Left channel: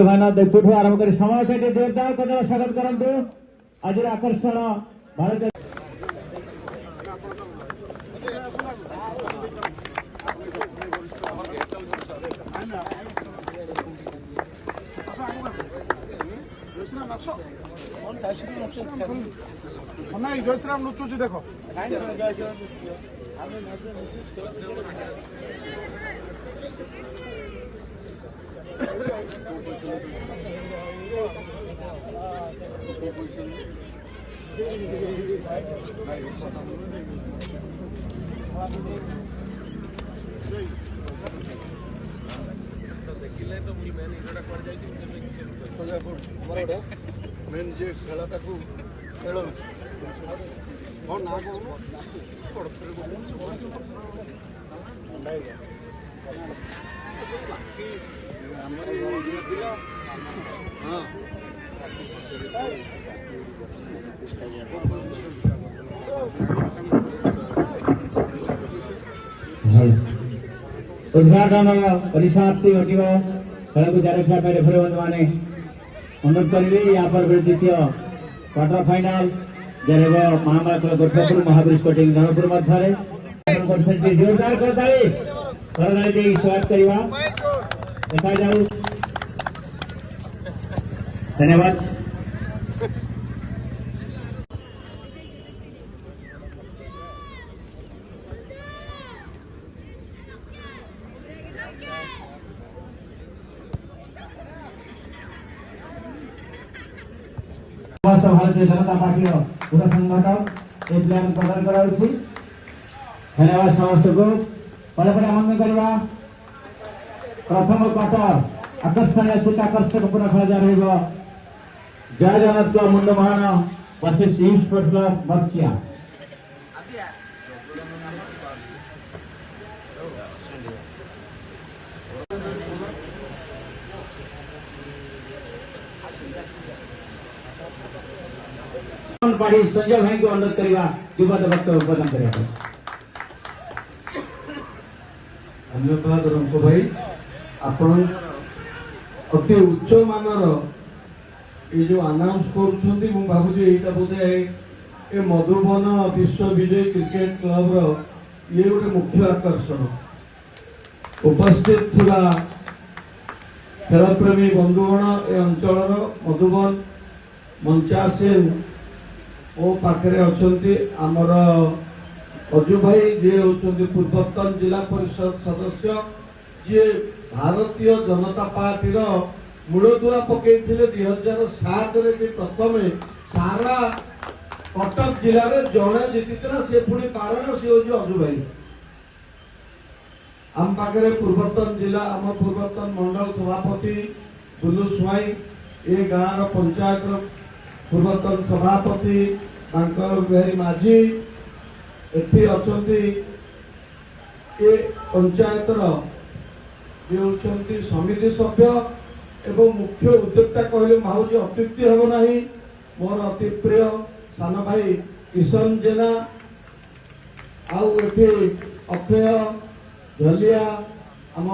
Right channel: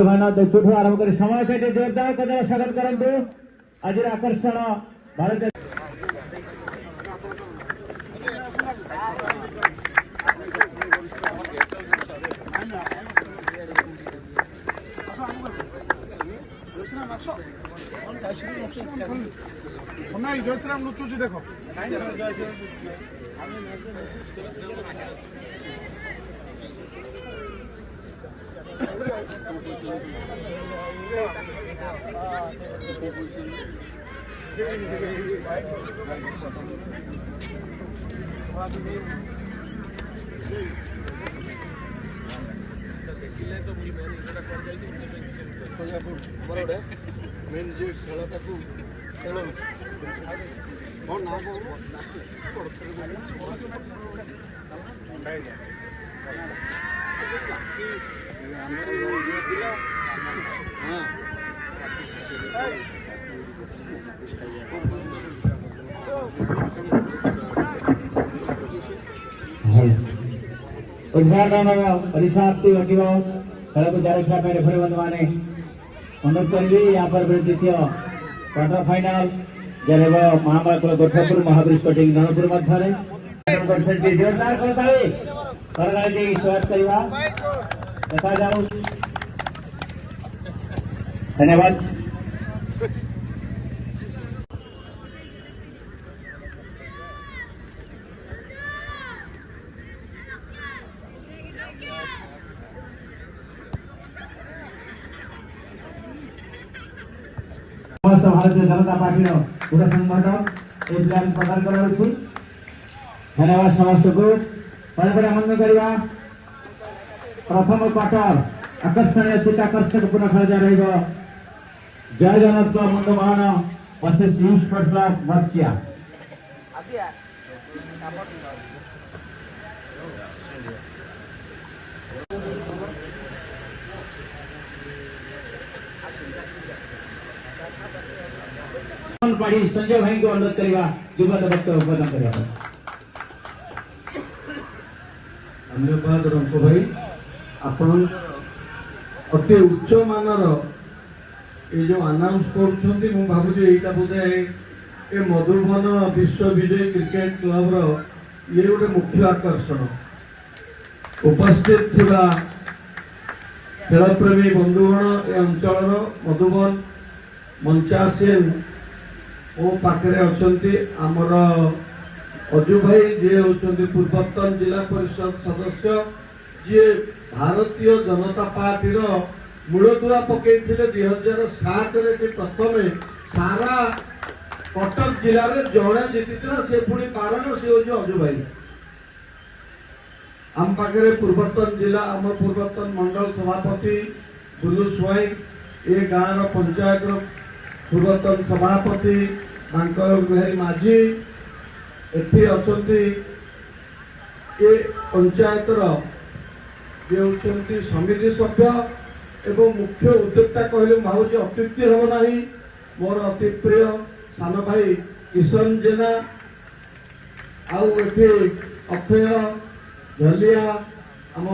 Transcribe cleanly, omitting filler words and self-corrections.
देखुठू आरंभ कर समय से जोरदार कदम स्वागत करंतु आज आकर्षण भारत जयश्राम लुचुची देखो मेन जे खेलटा को खेल ना उद्घाटन परिसमाप्ति हो खेल को जारी रखा रेफरी बंधु मैंने अनुरोध करी यहाँ पर द्वितीय क्वार्टर फाइनाल जब महाभारत गोरखापुर महावीर स्पोर्टिंग धनपुर मध्य जोरदार स्वागत करवा देखा जाऊ धन्यवाद। भारतीय जनता पार्टी पूरा संगठन ये प्लान प्रदान करा धन्यवाद समस्त को आरम्भ करवा प्रथम क्वार्टर आकर्षणीय सीट आकर्षक पूर्ण खेल जारी जय Jagannath Mundaman versus east sports club Barchia Sanjay भाई को अनुरोध करवा युगत वक्तव्य प्रदान करने धन्यवाद रंको भाई आपण अति उच्च मानर ये जो अनाउंस कर भावुँ यहाँ बोधे ए मधुबन विश्व विजय क्रिकेट क्लब ये गोटे मुख्य आकर्षण उपस्थित थिबा खेलप्रेमी बंधुगण ए अंचल मधुबन मंचासीन ओ पाखे अच्छा आमर अजु भाई जी होती पूर्वतन जिला परिषद सदस्य जी भारतीय जनता पार्टी मूलदुआ पकई 2007 प्रथम सारा कटक जिले में जड़े जीति से पुणी कारण सी हूँ अजु भाई आम पाखे पूर्वतन जिला आम पूर्वतन मंडल सभापति बुलू स्वाई ए गाँव पंचायत पूर्वतन सभापति मांकर बिहारी माझी एठी अछंती ए पंचायतर ये होती समिति सभ्य एवं मुख्य उद्योक्ता कहले भावुँ अत्युक्ति हम ना मोर अति प्रिय सान भाई किशन जेना आउ अक्षय झलिया आम